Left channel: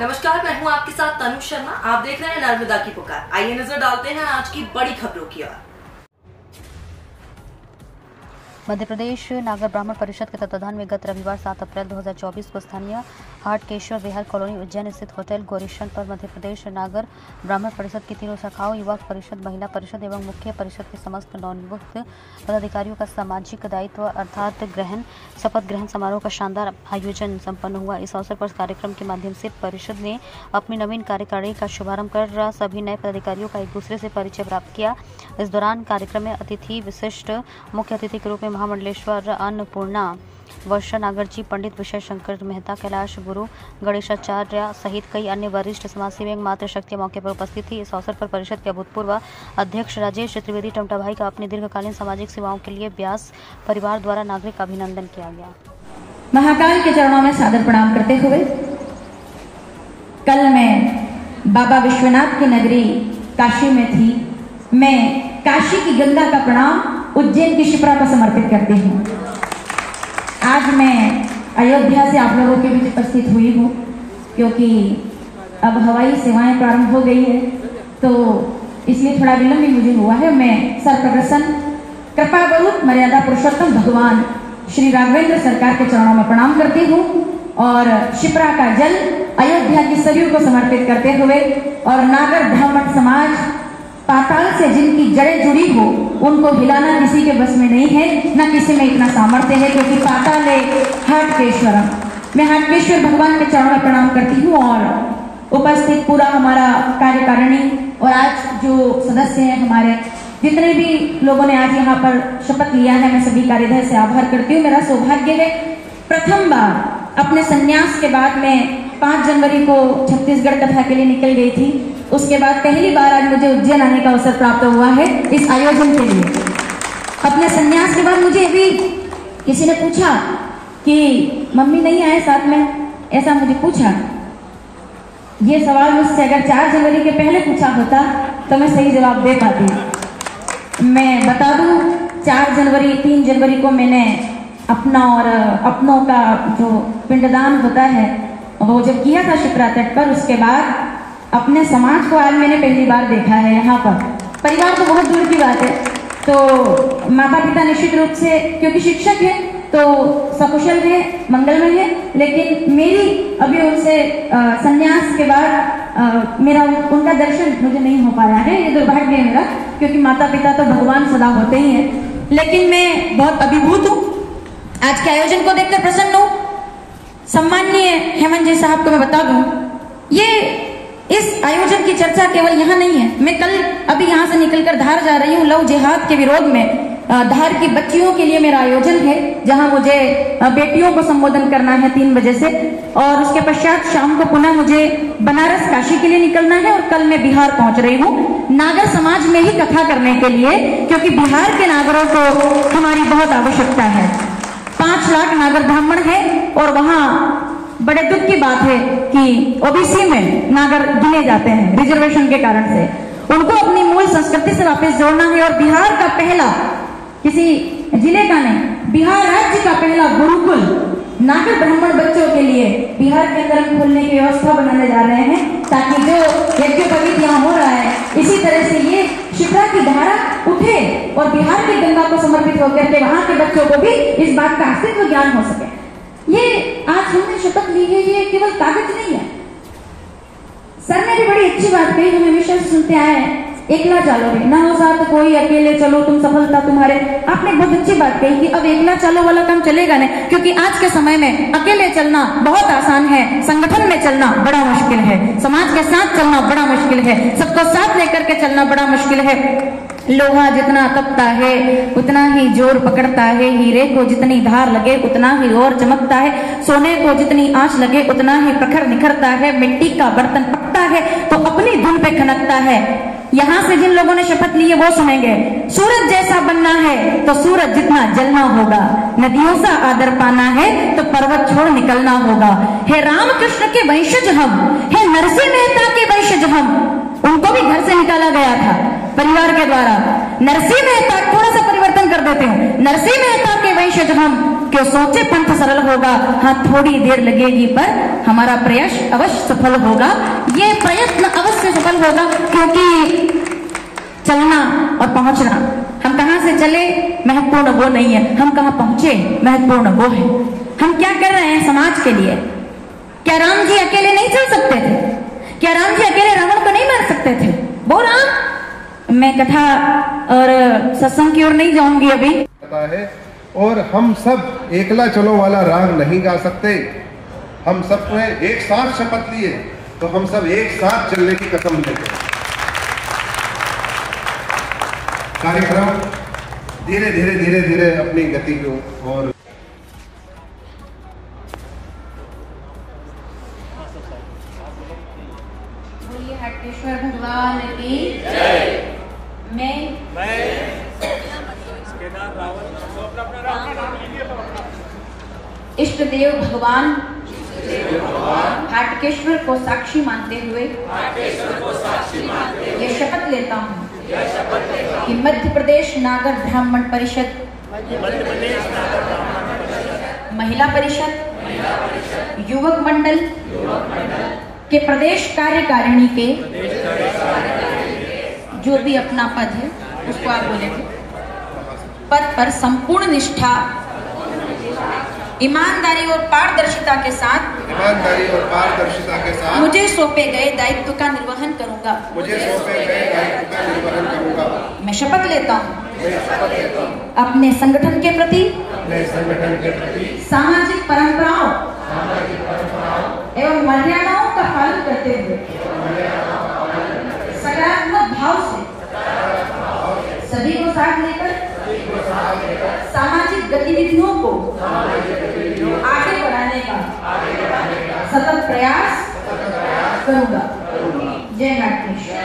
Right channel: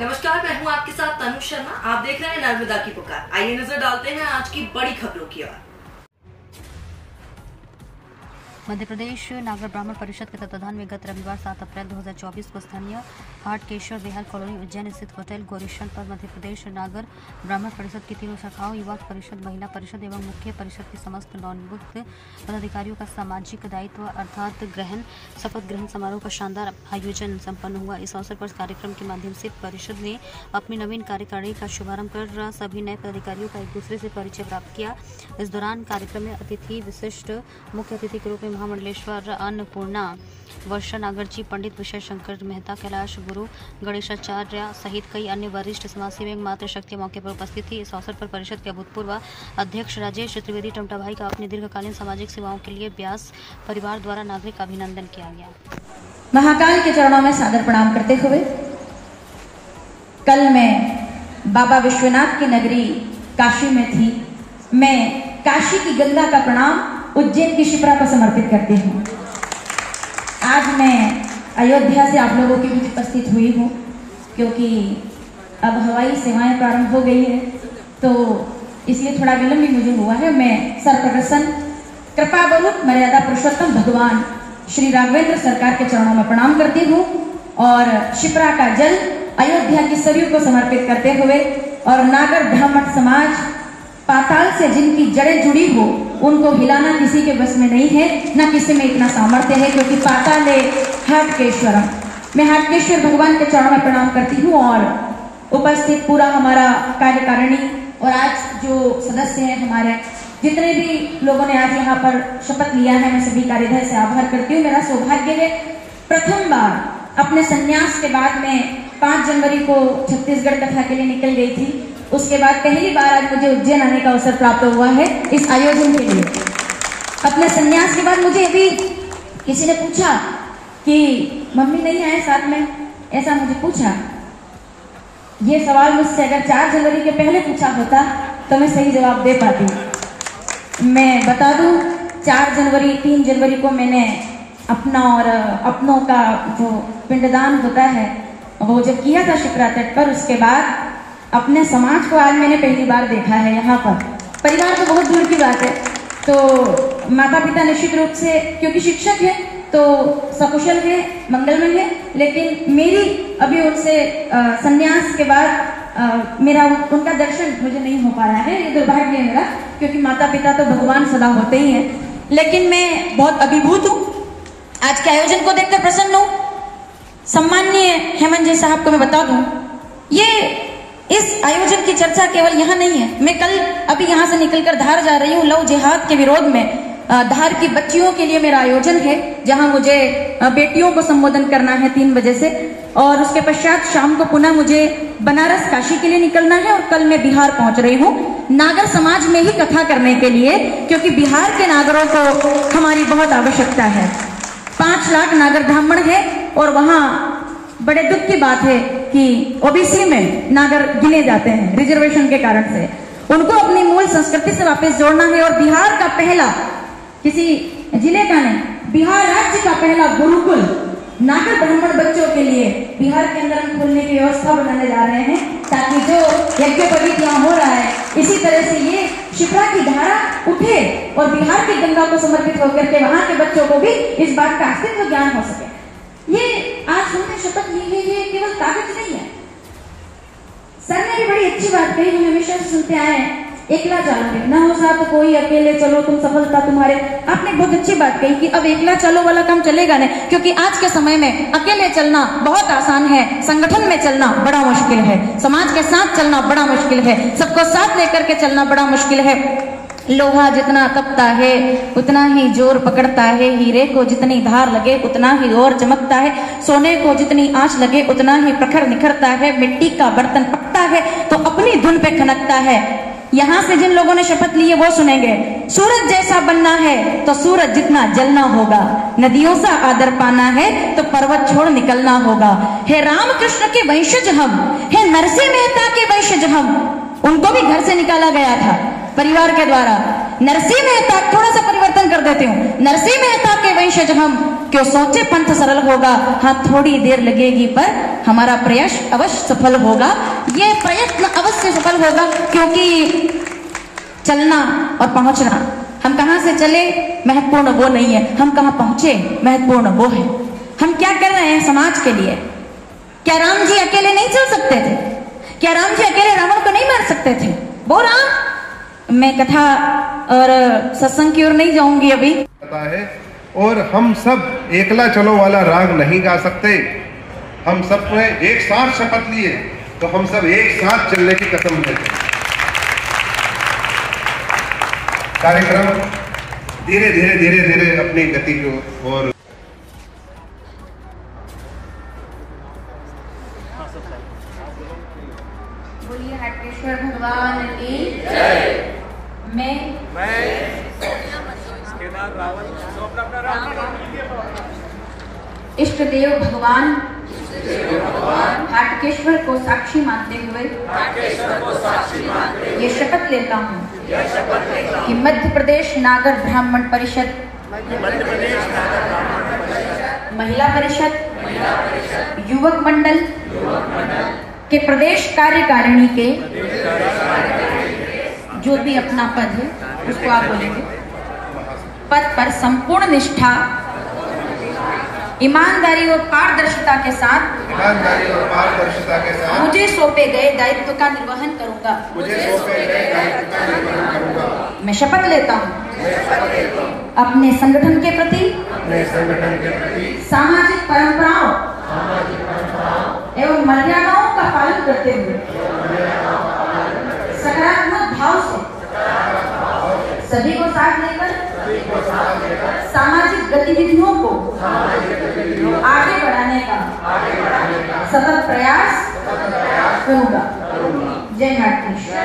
नमस्कार, मैं हूं आपके साथ तनु शर्मा। आप देख रहे हैं नर्मदा की पुकार। आइए नजर डालते हैं आज की बड़ी खबरों की ओर। मध्य प्रदेश नागर ब्राह्मण परिषद के तत्वाधान में गत रविवार 7 अप्रैल 2024 को स्थानीय हाटकेश्वर विहार कॉलोनी उज्जैन स्थित होटल गौरीशन पर मध्य प्रदेश नागर ब्राह्मण परिषद की तीनों शाखाओं युवा परिषद, महिला परिषद एवं मुख्य परिषद के समस्त नवनियुक्त पदाधिकारियों का सामाजिक दायित्व अर्थात शपथ ग्रहण समारोह का शानदार आयोजन संपन्न हुआ। इस अवसर पर कार्यक्रम के माध्यम से परिषद ने अपनी नवीन कार्यकारिणी का शुभारंभ कर सभी नए पदाधिकारियों का एक दूसरे से परिचय प्राप्त किया। इस दौरान कार्यक्रम में अतिथि विशिष्ट मुख्य अतिथि के रूप में महामंडलेश्वर अन्नपूर्णा वर्षा नागर जी, पंडित विषय शंकर मेहता, कैलाश गुरु गणेशाचार्य सहित कई अन्य वरिष्ठ समाजसेवी एवं मातृशक्ति मौके पर उपस्थित थी। इस अवसर पर परिषद के अभूतपूर्व अध्यक्ष राजेश त्रिवेदी टमटा भाई का अपनी दीर्घकालीन सामाजिक सेवाओं के लिए व्यास परिवार द्वारा नागरिक अभिनंदन किया गया। महाकाल के चरणों में सादर प्रणाम करते हुए कल मैं बाबा विश्वनाथ की नगरी काशी में थी। मैं काशी की गंगा का प्रणाम उज्जैन की शिप्रा को समर्पित करती हूँ। आज मैं अयोध्या से आप लोगों के बीच उपस्थित हुई हूँ क्योंकि अब हवाई सेवाएं प्रारंभ हो गई है, तो इसलिए थोड़ा विलंब भी मुझे हुआ है। मैं सर्वप्रसन्न कृपा गुरु मर्यादा पुरुषोत्तम भगवान श्री राघवेंद्र सरकार के चरणों में प्रणाम करती हूँ और शिप्रा का जल अयोध्या की सरयू को समर्पित करते हुए और नागर ब्राह्मण समाज पाताल से जिनकी जड़ें जुड़ी हो उनको हिलाना किसी के बस में नहीं है, न किसी में इतना सामर्थ्य है, क्योंकि पाताल है हाटकेश्वर। मैं हाटकेश्वर भगवान के चरणों में प्रणाम करती हूँ और उपस्थित पूरा हमारा कार्यकारिणी और आज जो सदस्य हैं हमारे, जितने भी लोगों ने आज यहाँ पर शपथ लिया है, मैं सभी का हृदय से आभार करती हूँ। मेरा सौभाग्य है प्रथम बार अपने संन्यास के बाद में 5 जनवरी को छत्तीसगढ़ कथा के लिए निकल गई थी। उसके बाद पहली बार आज मुझे उज्जैन आने का अवसर प्राप्त हुआ है इस आयोजन के लिए। अपने संन्यास के बाद मुझे भी किसी ने पूछा कि मम्मी नहीं आए साथ में, ऐसा मुझे पूछा। ये सवाल मुझसे अगर 4 जनवरी के पहले पूछा होता तो मैं सही जवाब दे पाती। मैं बता दूं 4 जनवरी 3 जनवरी को मैंने अपना और अपनों का जो पिंडदान होता है वो जब किया था शिप्रा तट पर, उसके बाद अपने समाज को आज मैंने पहली बार देखा है यहाँ पर। परिवार तो बहुत दूर की बात है, तो माता पिता निश्चित रूप से क्योंकि शिक्षक है तो सकुशल है, मंगलमय है, लेकिन मेरी अभी उनसे संन्यास के बाद मेरा उनका दर्शन मुझे नहीं हो पा रहा है। ये दुर्भाग्य है मेरा, क्योंकि माता पिता तो भगवान सदा होते ही हैं। लेकिन मैं बहुत अभिभूत हूँ, आज के आयोजन को देखकर प्रसन्न हूँ। सम्माननीय हेमंत जी साहब को मैं बता दूं, ये इस आयोजन की चर्चा केवल यहाँ नहीं है। मैं कल अभी यहाँ से निकलकर धार जा रही हूँ लव जिहाद के विरोध में। धार की बच्चियों के लिए मेरा आयोजन है जहाँ मुझे बेटियों को संबोधन करना है 3 बजे से, और उसके पश्चात शाम को पुनः मुझे बनारस काशी के लिए निकलना है और कल मैं बिहार पहुंच रही हूँ नागर समाज में ही कथा करने के लिए, क्योंकि बिहार के नागरों को हमारी बहुत आवश्यकता है। 5 लाख नागर ब्राह्मण है और वहाँ बड़े दुख की बात है कि ओबीसी में नागर गिने जाते हैं रिजर्वेशन के कारण से। उनको अपनी मूल संस्कृति से वापस जोड़ना है और बिहार का पहला, किसी जिले का नहीं, बिहार राज्य का पहला गुरुकुल नागर ब्राह्मण बच्चों के लिए बिहार के अंदर हम खोलने की व्यवस्था बनाने जा रहे हैं, ताकि जो यज्ञोपवीत यहाँ हो रहा है इसी तरह से ये शिप्रा की धारा उठे और बिहार की गंगा को समर्पित होकर के वहां के बच्चों को भी इस बात का अस्तित्व ज्ञान हो सके। ये आज हमने शपथ ली है, ये केवल कागज नहीं है। सर ने भी बड़ी अच्छी बात कही, हम हमेशा सुनते आए हैं, एकला चलो रे ना हो साथ कोई, अकेले चलो तुम सफलता तुम्हारे। आपने बहुत अच्छी बात कही कि अब एकला चलो वाला काम चलेगा नहीं, क्योंकि आज के समय में अकेले चलना बहुत आसान है, संगठन में चलना बड़ा मुश्किल है, समाज के साथ चलना बड़ा मुश्किल है, सबको साथ लेकर के चलना बड़ा मुश्किल है। लोहा जितना तपता है उतना ही जोर पकड़ता है, हीरे को जितनी धार लगे उतना ही और चमकता है, सोने को जितनी आंच लगे उतना ही प्रखर निखरता है, मिट्टी का बर्तन पकता है तो अपनी धुन पे खनकता है। यहाँ से जिन लोगों ने शपथ ली है वो सुनेंगे, सूरज जैसा बनना है तो सूरज जितना जलना होगा, नदियों सा आदर पाना है तो पर्वत छोड़ निकलना होगा। हे रामकृष्ण के वंशज हम, हे नरसिंह मेहता के वंशज हम, उनको भी घर से निकाला गया था परिवार के द्वारा। नरसिंह मेहता, थोड़ा सा परिवर्तन कर देते हूँ, नरसिंह मेहता के वंशज हम, क्यों सोचे पंथ सरल होगा, हाँ थोड़ी देर लगेगी पर हमारा प्रयास अवश्य सफल होगा। ये प्रयत्न अवश्य सफल होगा, क्योंकि चलना और पहुंचना, हम कहां से चले महत्वपूर्ण वो नहीं है, हम कहां पहुंचे महत्वपूर्ण वो है। हम क्या कर रहे हैं समाज के लिए। क्या राम जी अकेले नहीं चल सकते थे? क्या राम जी अकेले रावण को नहीं मार सकते थे? वो राम, मैं कथा और सत्संग की ओर नहीं जाऊंगी अभी। पता है, और हम सब एकला चलो वाला राग नहीं गा सकते। हम सब ने एक साथ शपथ लिए, तो हम सब एक साथ चलने की कसम लेते। कार्यक्रम धीरे धीरे धीरे धीरे अपनी गति को और बोलिए हाटकेश्वर भगवान की जय। मैं इष्ट देव भगवान हाटकेश्वर को साक्षी मानते हुए ये शपथ लेता हूँ कि मध्य प्रदेश नागर ब्राह्मण परिषद, महिला परिषद, युवक मंडल के प्रदेश कार्यकारिणी के जो भी अपना पद है उसको आप बोलेंगे, पद पर संपूर्ण निष्ठा, ईमानदारी और पारदर्शिता के साथ मुझे सौंपे गए दायित्व का निर्वहन करूंगा। मैं शपथ लेता हूँ अपने संगठन के प्रति सामाजिक परंपराओं एवं मर्यादाओं का पालन करते हुए सकारात्मक भाव से सभी को साथ लेकर सामाजिक गतिविधियों को आगे बढ़ाने का सतत प्रयास करूंगा। जय नागेश्वर।